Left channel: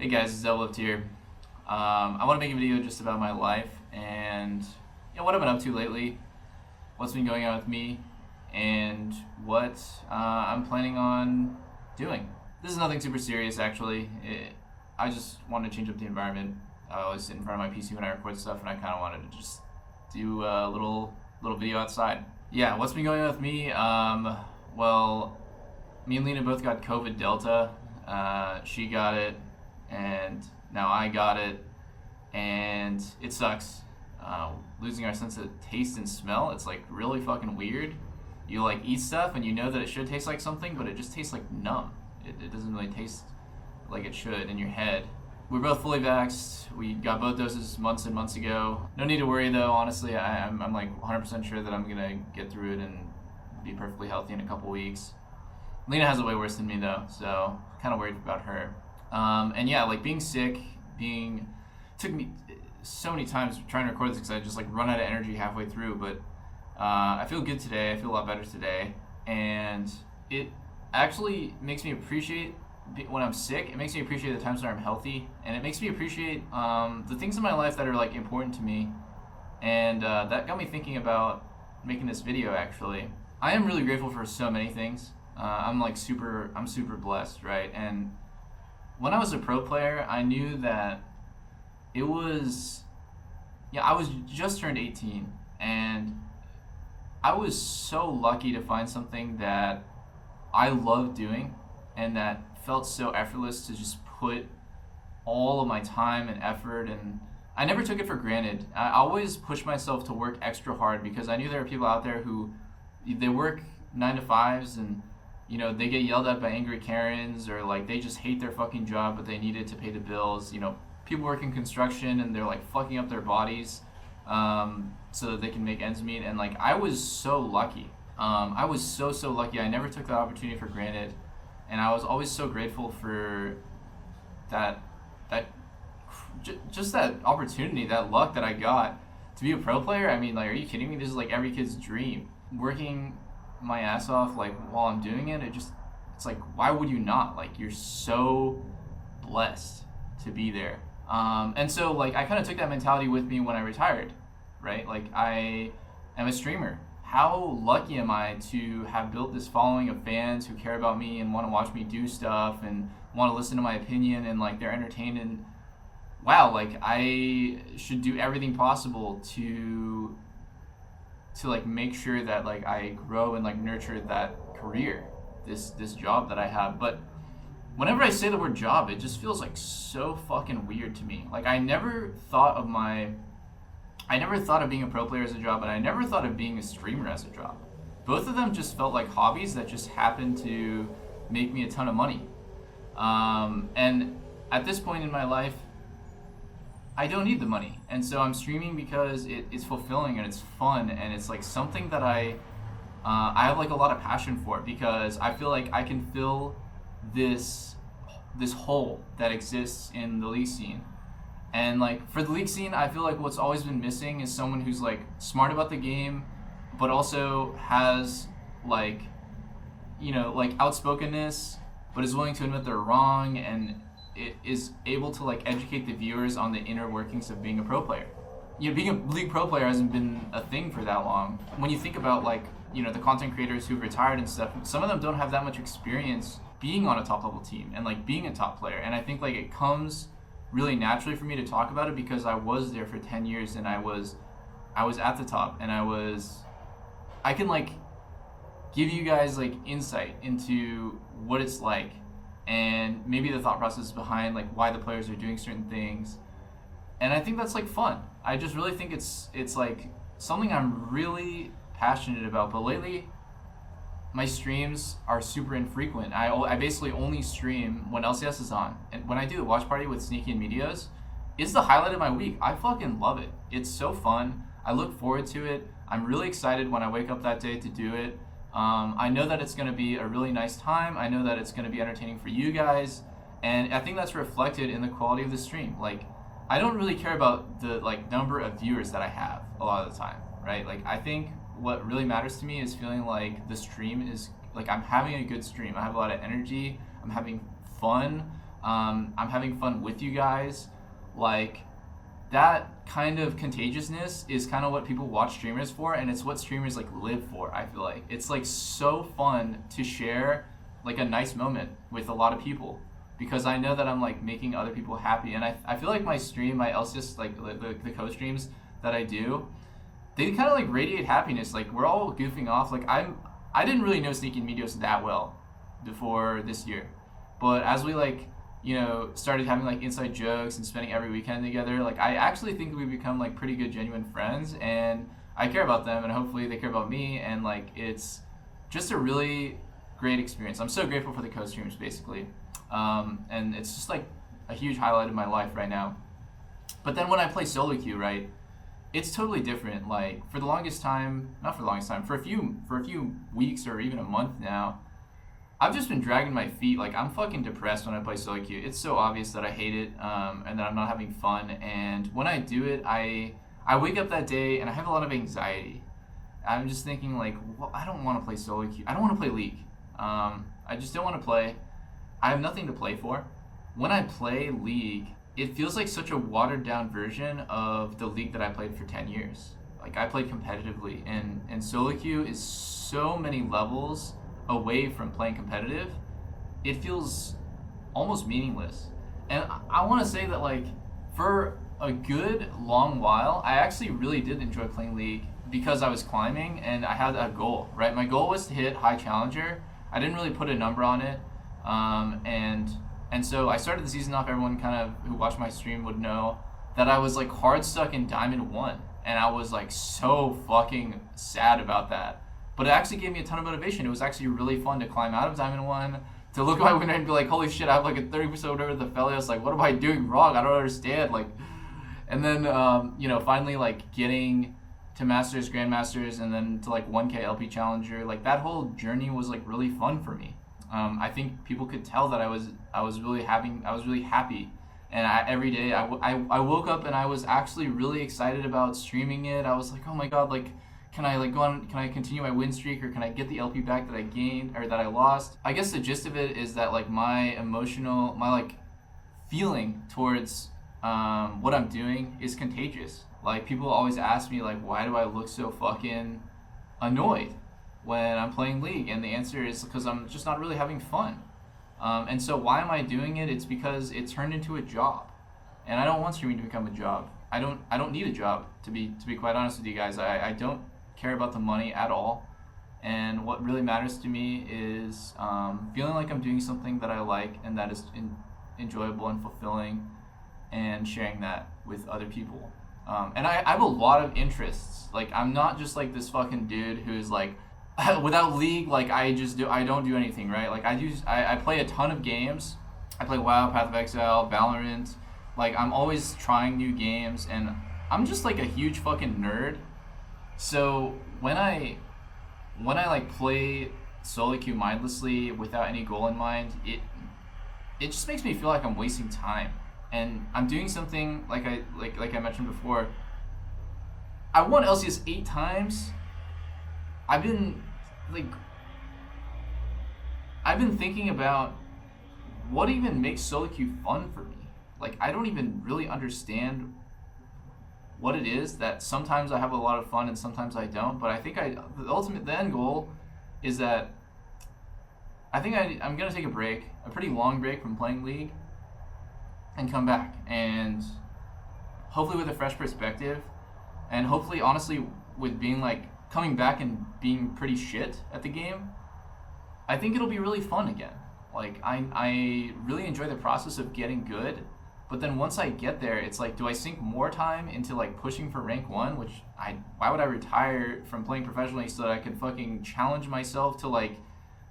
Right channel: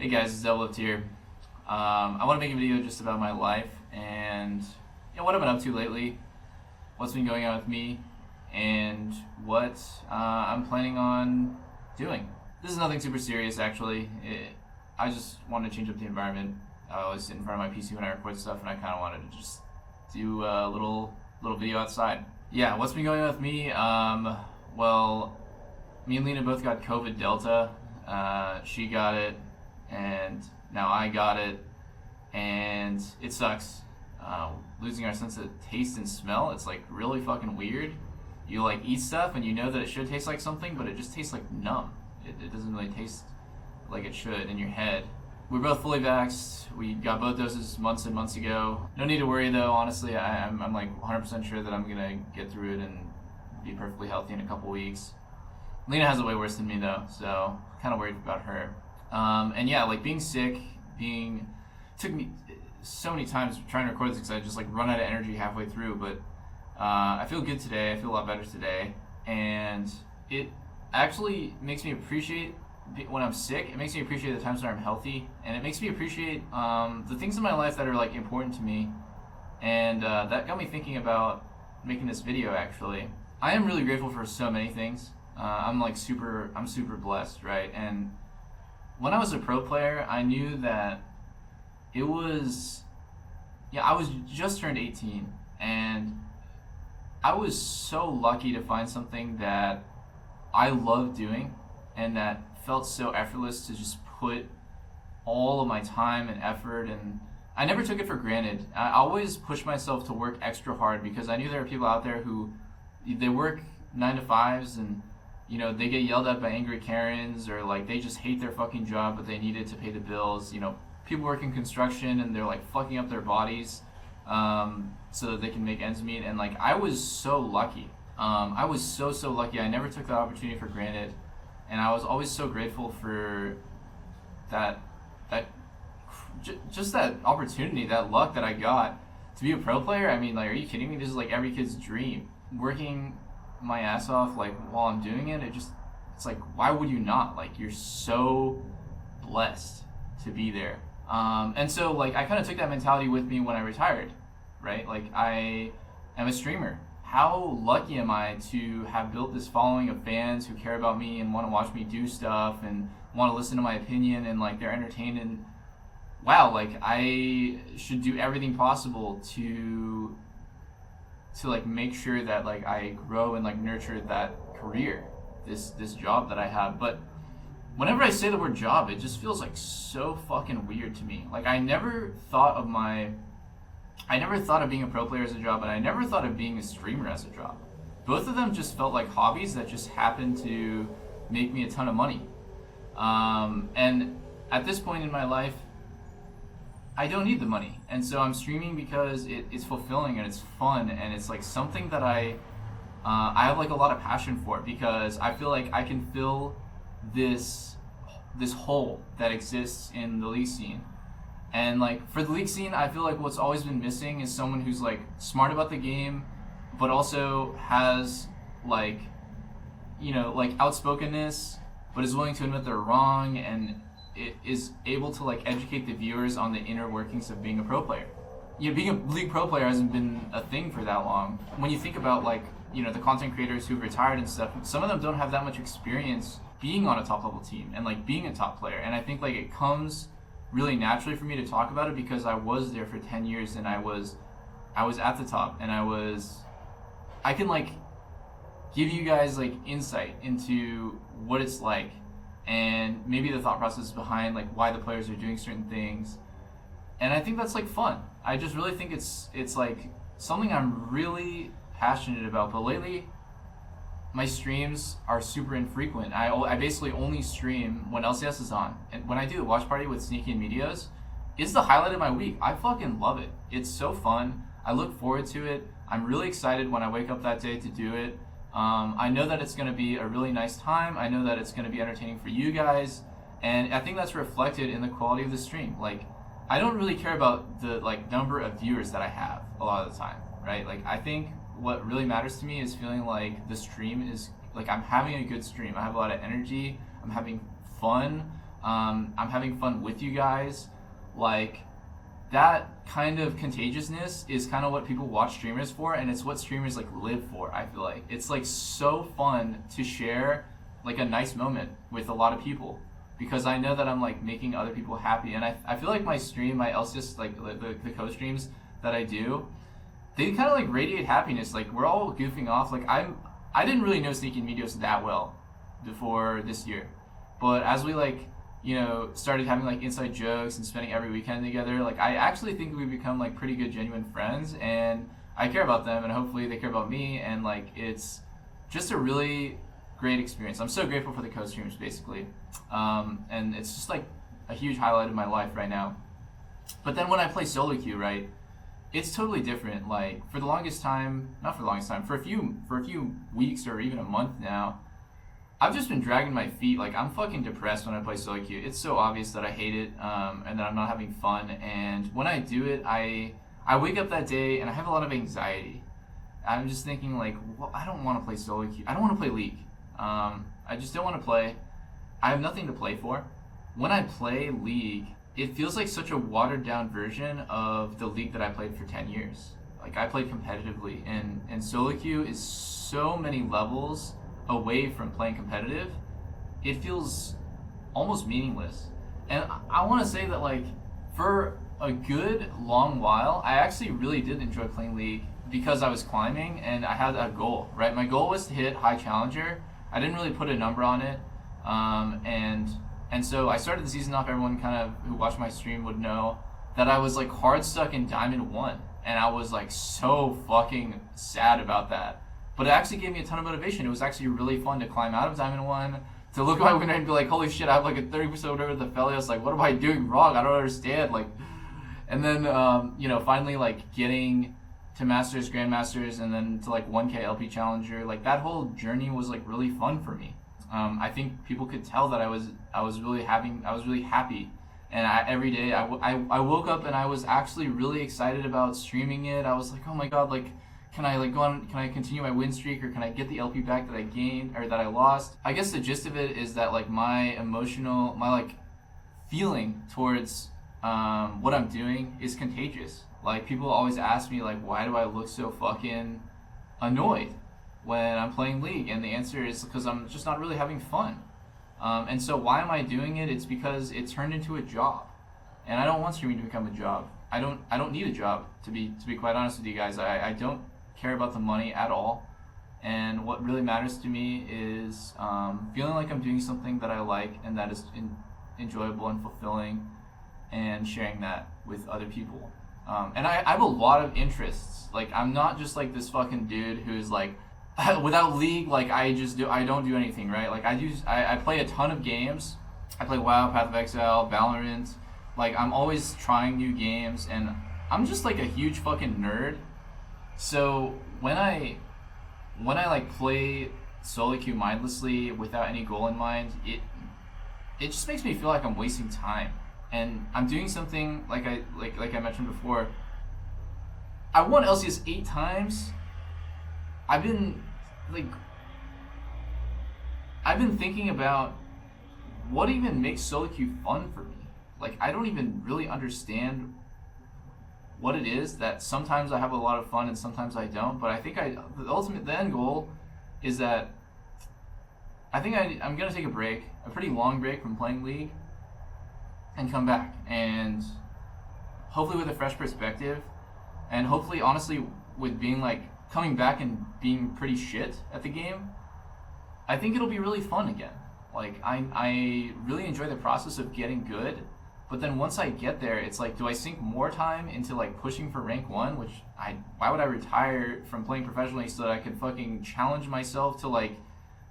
Hey guys, it's Doublelift here. I want to make a video just about my life and what I've been up to lately, what's been going on with me, and what I'm planning on doing. This is nothing super serious actually. I just wanted to change up the environment. I was in front of my PC when I record stuff and I kind of wanted to just do a little video outside. Yeah, what's been going on with me? Well, me and Lena both got COVID Delta. She got it, and now I got it, and it sucks. Losing our sense of taste and smell, it's like really fucking weird. You like eat stuff and you know that it should taste like something, but it just tastes like numb. It doesn't really taste like it should in your head. We're both fully vaxxed. We got both doses months and months ago. No need to worry though, honestly. I'm like 100% sure that I'm gonna get through it and be perfectly healthy in a couple weeks. Lena has it way worse than me though, so kind of worried about her. And yeah, like being sick, took me so many times trying to record this because I just like run out of energy halfway through, but I feel good today. I feel a lot better today, and it actually makes me appreciate when I'm sick. It makes me appreciate the times that I'm healthy, and it makes me appreciate the things in my life that are like important to me, and that got me thinking about making this video. Actually, I am really grateful for so many things. I'm super blessed, right? And when I was a pro player, I knew that I was just turned 18, and I was so lucky to find something that I loved doing and that felt so effortless to just put all of my time and effort, and I never took it for granted. I always pushed myself to work extra hard because I knew there were people out there who they work 9 to 5s and they get yelled at by angry Karens, or like they just hate their fucking job but they need it to pay the bills. People work in construction and they're like fucking up their bodies so that they can make ends meet, and like I was so lucky. I was so lucky. I never took that opportunity for granted, and I was always so grateful for just that opportunity, that luck that I got to be a pro player. I mean, like, are you kidding me? This is like every kid's dream. Working my ass off like while I'm doing it, it's like, why would you not? Like, you're so blessed to be there. And so like I kind of took that mentality with me when I retired, right? Like, I am a streamer. How lucky am I to have built this following of fans who care about me and want to watch me do stuff and want to listen to my opinion, and like they're entertained, and wow, like I should do everything possible to like make sure that like I grow and like nurture that career, this job that I have. But whenever I say the word job, it just feels like so fucking weird to me. Like I never thought of being a pro player as a job, and I never thought of being a streamer as a job. Both of them just felt like hobbies that just happened to make me a ton of money. And at this point in my life, I don't need the money, and so I'm streaming because it's fulfilling and it's fun, and it's like something that I have like a lot of passion for, because I feel like I can fill this hole that exists in the league scene. And like for the league scene, I feel like what's always been missing is someone who's like smart about the game, but also has like outspokenness, but is willing to admit they're wrong, and it is able to like educate the viewers on the inner workings of being a pro player. Being a league pro player hasn't been a thing for that long. When you think about like the content creators who've retired and stuff, some of them don't have that much experience being on a top level team and like being a top player. And I think like it comes really naturally for me to talk about it because I was there for 10 years and I was at the top, and I can like give you guys like insight into what it's like, and maybe the thought process behind like why the players are doing certain things. And I think that's like fun. I just really think it's like something I'm really passionate about. But lately my streams are super infrequent. I basically only stream when LCS is on, and when I do the watch party with Sneaky and Meteos, it's the highlight of my week. I fucking love it. It's so fun. I look forward to it. I'm really excited when I wake up that day to do it. I know that it's going to be a really nice time. I know that it's going to be entertaining for you guys, and I think that's reflected in the quality of the stream. Like, I don't really care about the like number of viewers that I have a lot of the time, right? Like, I think what really matters to me is feeling like the stream is like I'm having a good stream. I have a lot of energy. I'm having fun. I'm having fun with you guys. Like, that kind of contagiousness is kind of what people watch streamers for, and it's what streamers like live for. I feel like it's like so fun to share like a nice moment with a lot of people, because I know that I'm like making other people happy. And I feel like my stream, my LCS, like the co-streams that I do, they kind of like radiate happiness. Like, we're all goofing off. Like, I didn't really know Sneaky Meteos that well before this year, but as we like, you know, started having like inside jokes and spending every weekend together, like I actually think we become like pretty good genuine friends, and I care about them, and hopefully they care about me, and like it's just a really great experience. I'm so grateful for the co-streams, basically, and it's just like a huge highlight of my life right now. But then when I play solo queue, right, it's totally different. Like, for the longest time, not for the longest time, for a few weeks or even a month now, I've just been dragging my feet. Like, I'm fucking depressed when I play solo queue. It's so obvious that I hate it, and that I'm not having fun. And when I do it, I wake up that day and I have a lot of anxiety. I'm just thinking like, well, I don't want to play solo queue. I don't want to play League. I just don't want to play. I have nothing to play for. When I play League, it feels like such a watered down version of the League that I played for 10 years. Like, I played competitively, and solo queue is so many levels away from playing competitive. It feels almost meaningless. And I want to say that, like, for a good long while, I actually really did enjoy playing League because I was climbing and I had a goal, right? My goal was to hit high challenger. I didn't really put a number on it, and so I started the season off. Everyone kind of who watched my stream would know that I was like hard stuck in Diamond 1, and I was like so fucking sad about that. But it actually gave me a ton of motivation. It was actually really fun to climb out of Diamond 1, to look at my win rate and be like, holy shit, I have like a 30% over the Felios. Like, what am I doing wrong? I don't understand. Like, and then, you know, finally like getting to Masters, Grandmasters, and then to like 1K LP Challenger. Like, that whole journey was like really fun for me. I think people could tell that I was really happy. And every day I woke up and I was actually really excited about streaming it. I was like, oh my god, like, can I like go on? Can I continue my win streak, or can I get the LP back that I gained or that I lost? I guess the gist of it is that like my like feeling towards what I'm doing is contagious. Like, people always ask me like, why do I look so fucking annoyed when I'm playing League? And the answer is because I'm just not really having fun. And so why am I doing it? It's because it turned into a job, and I don't want streaming to become a job. I don't need a job, to be quite honest with you guys. I don't care about the money at all, and what really matters to me is feeling like I'm doing something that I like and that is enjoyable and fulfilling, and sharing that with other people. And I have a lot of interests. Like, I'm not just like this fucking dude who's like, without League, like I don't do anything, right? Like, I play a ton of games. I play WoW, Path of Exile, Valorant. Like, I'm always trying new games, and I'm just like a huge fucking nerd. So when I like play solo queue mindlessly without any goal in mind, it just makes me feel like I'm wasting time. And I'm doing something like I mentioned before. I won LCS 8 times. I've been thinking about what even makes solo queue fun for me. Like, I don't even really understand what it is that sometimes I have a lot of fun and sometimes I don't. But I think the end goal is that I think I'm gonna take a pretty long break from playing League, and come back, and hopefully with a fresh perspective, and hopefully honestly with being like coming back and being pretty shit at the game. I think it'll be really fun again. Like, I really enjoy the process of getting good, but then once I get there, it's like, do I sink more time into like pushing for rank 1, which why would I retire from playing professionally so that I can fucking challenge myself to like,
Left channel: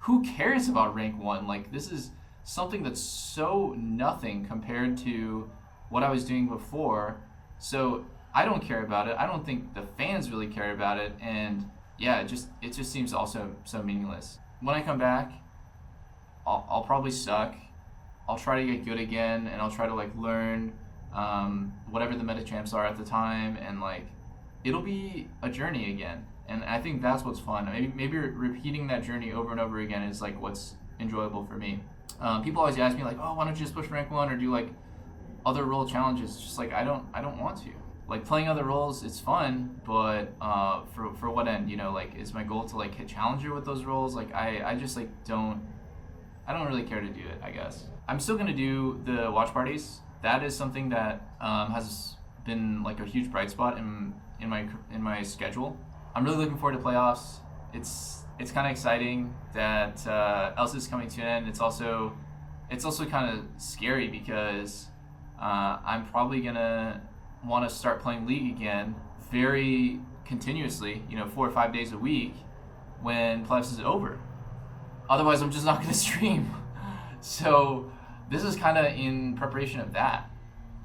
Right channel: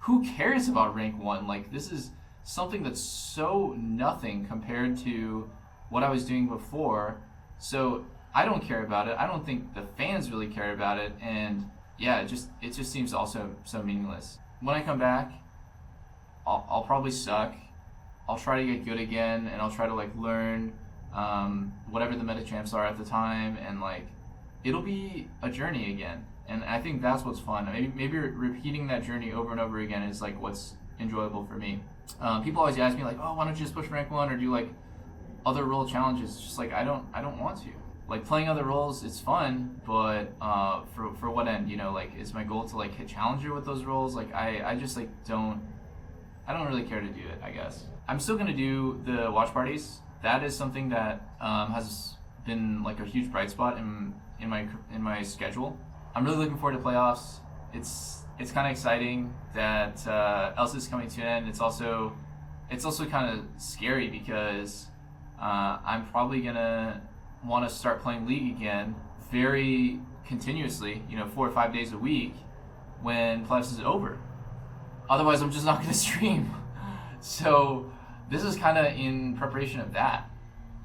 who cares about rank 1? Like, this is something that's so nothing compared to what I was doing before. So I don't care about it. I don't think the fans really care about it, and yeah, it just seems also so meaningless. When I come back, I'll probably suck. I'll try to get good again, and I'll try to like learn whatever the meta champs are at the time, and like it'll be a journey again. And I think that's what's fun. Maybe repeating that journey over and over again is like what's enjoyable for me. People always ask me like, oh, why don't you just push rank 1 or do like other role challenges? It's just like I don't want to. Like playing other roles, it's fun, but for what end? You know, like is my goal to like hit challenger with those roles? Like I just like I don't really care to do it, I guess. I'm still gonna do the watch parties. That is something that has been like a huge bright spot in my schedule. I'm really looking forward to playoffs. It's kind of exciting that Elsa is coming to an end. It's also kind of scary because I'm probably gonna want to start playing League again very continuously, 4 or 5 days a week when playoffs is over. Otherwise, I'm just not going to stream. So this is kind of in preparation of that.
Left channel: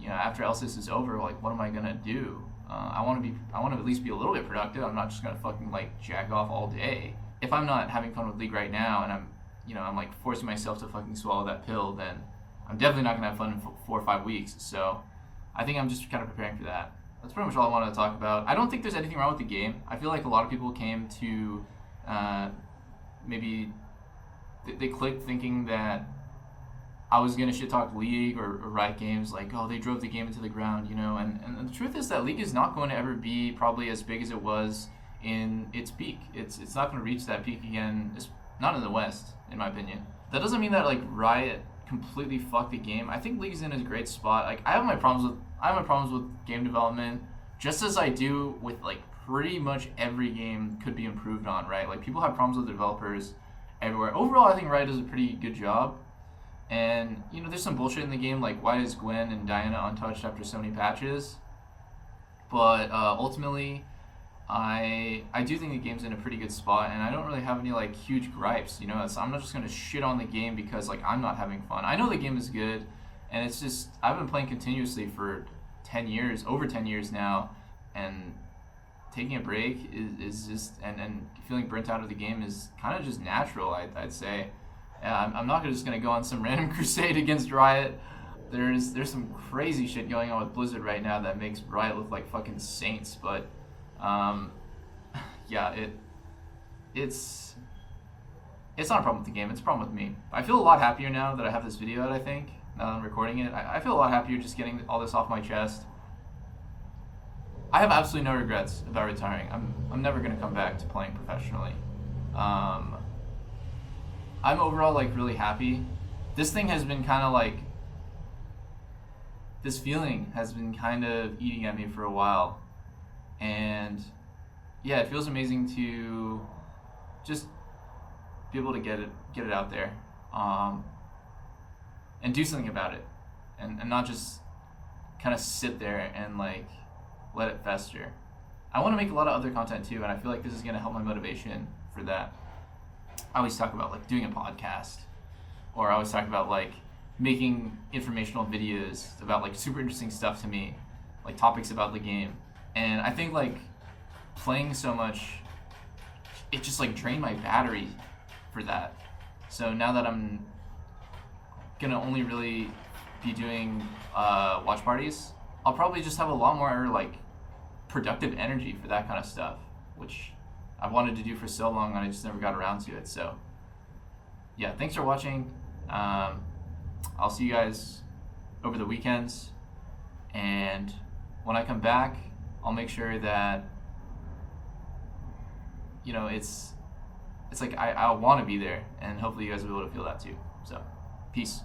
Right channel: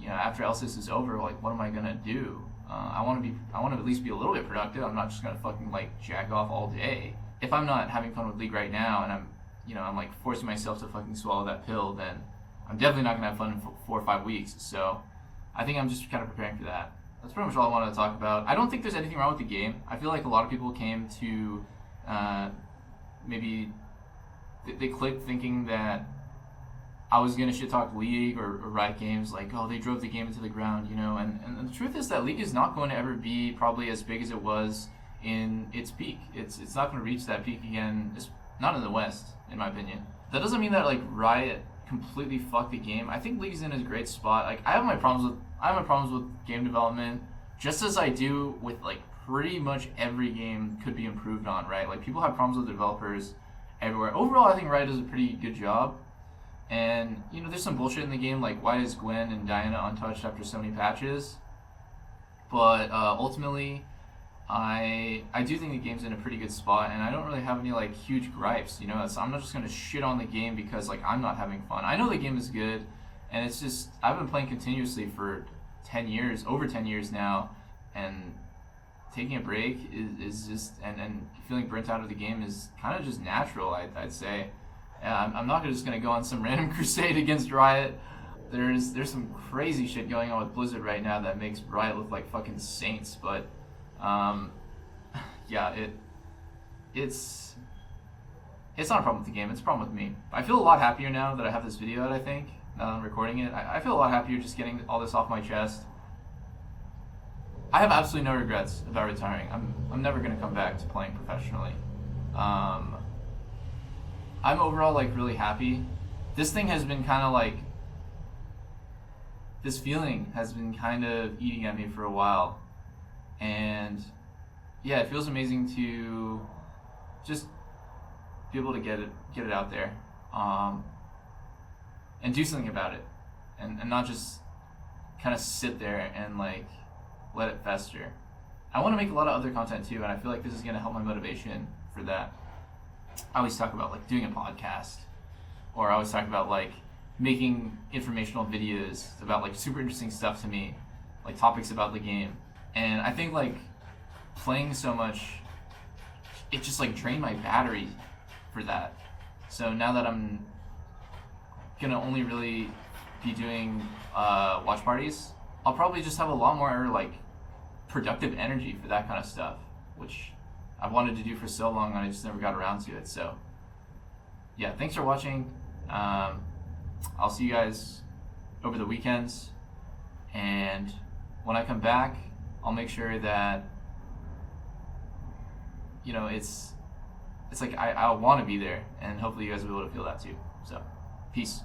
After LSIS is over, like, what am I going to do? I want to at least be a little bit productive. I'm not just going to fucking like jack off all day. If I'm not having fun with League right now and I'm like forcing myself to fucking swallow that pill, then I'm definitely not going to have fun in 4 or 5 weeks. So I think I'm just kind of preparing for that. That's pretty much all I wanted to talk about. I don't think there's anything wrong with the game. I feel like a lot of people came to maybe they clicked thinking that I was going to shit talk League or Riot Games, like, oh, they drove the game into the ground, And the truth is that League is not going to ever be probably as big as it was in its peak. It's not going to reach that peak again, not in the West, in my opinion. That doesn't mean that, like, Riot completely fucked the game. I think League's in a great spot. Like, I have my problems with game development, just as I do with like pretty much every game could be improved on, right? Like people have problems with developers everywhere. Overall, I think Riot does a pretty good job. And there's some bullshit in the game, like why is Gwen and Diana untouched after so many patches? But ultimately, I do think the game's in a pretty good spot, and I don't really have any like huge gripes. I'm not just gonna shit on the game because like I'm not having fun. I know the game is good, and it's just I've been playing continuously for 10 years, over 10 years now, and taking a break is just and feeling burnt out of the game is kind of just natural. I'd say. I'm not just gonna go on some random crusade against Riot. There's some crazy shit going on with Blizzard right now that makes Riot look like fucking saints, but. Yeah, it's not a problem with the game, it's a problem with me. I feel a lot happier now that I have this video out, I think, now that I'm recording it. I feel a lot happier just getting all this off my chest. I have absolutely no regrets about retiring. I'm never going to come back to playing professionally. I'm overall, like, really happy. This thing has been kind of, like, this feeling has been kind of eating at me for a while. And yeah, it feels amazing to just be able to get it out there, and do something about it, and not just kind of sit there and like let it fester. I want to make a lot of other content too, and I feel like this is going to help my motivation for that. I always talk about like doing a podcast, or I always talk about like making informational videos about like super interesting stuff to me, like topics about the game. And I think like playing so much, it just like drained my battery for that. So now that I'm gonna only really be doing watch parties, I'll probably just have a lot more like productive energy for that kind of stuff, which I've wanted to do for so long and I just never got around to it. So yeah, thanks for watching. I'll see you guys over the weekends, and when I come back, I'll make sure that it's like I want to be there, and hopefully you guys will be able to feel that too. So, peace.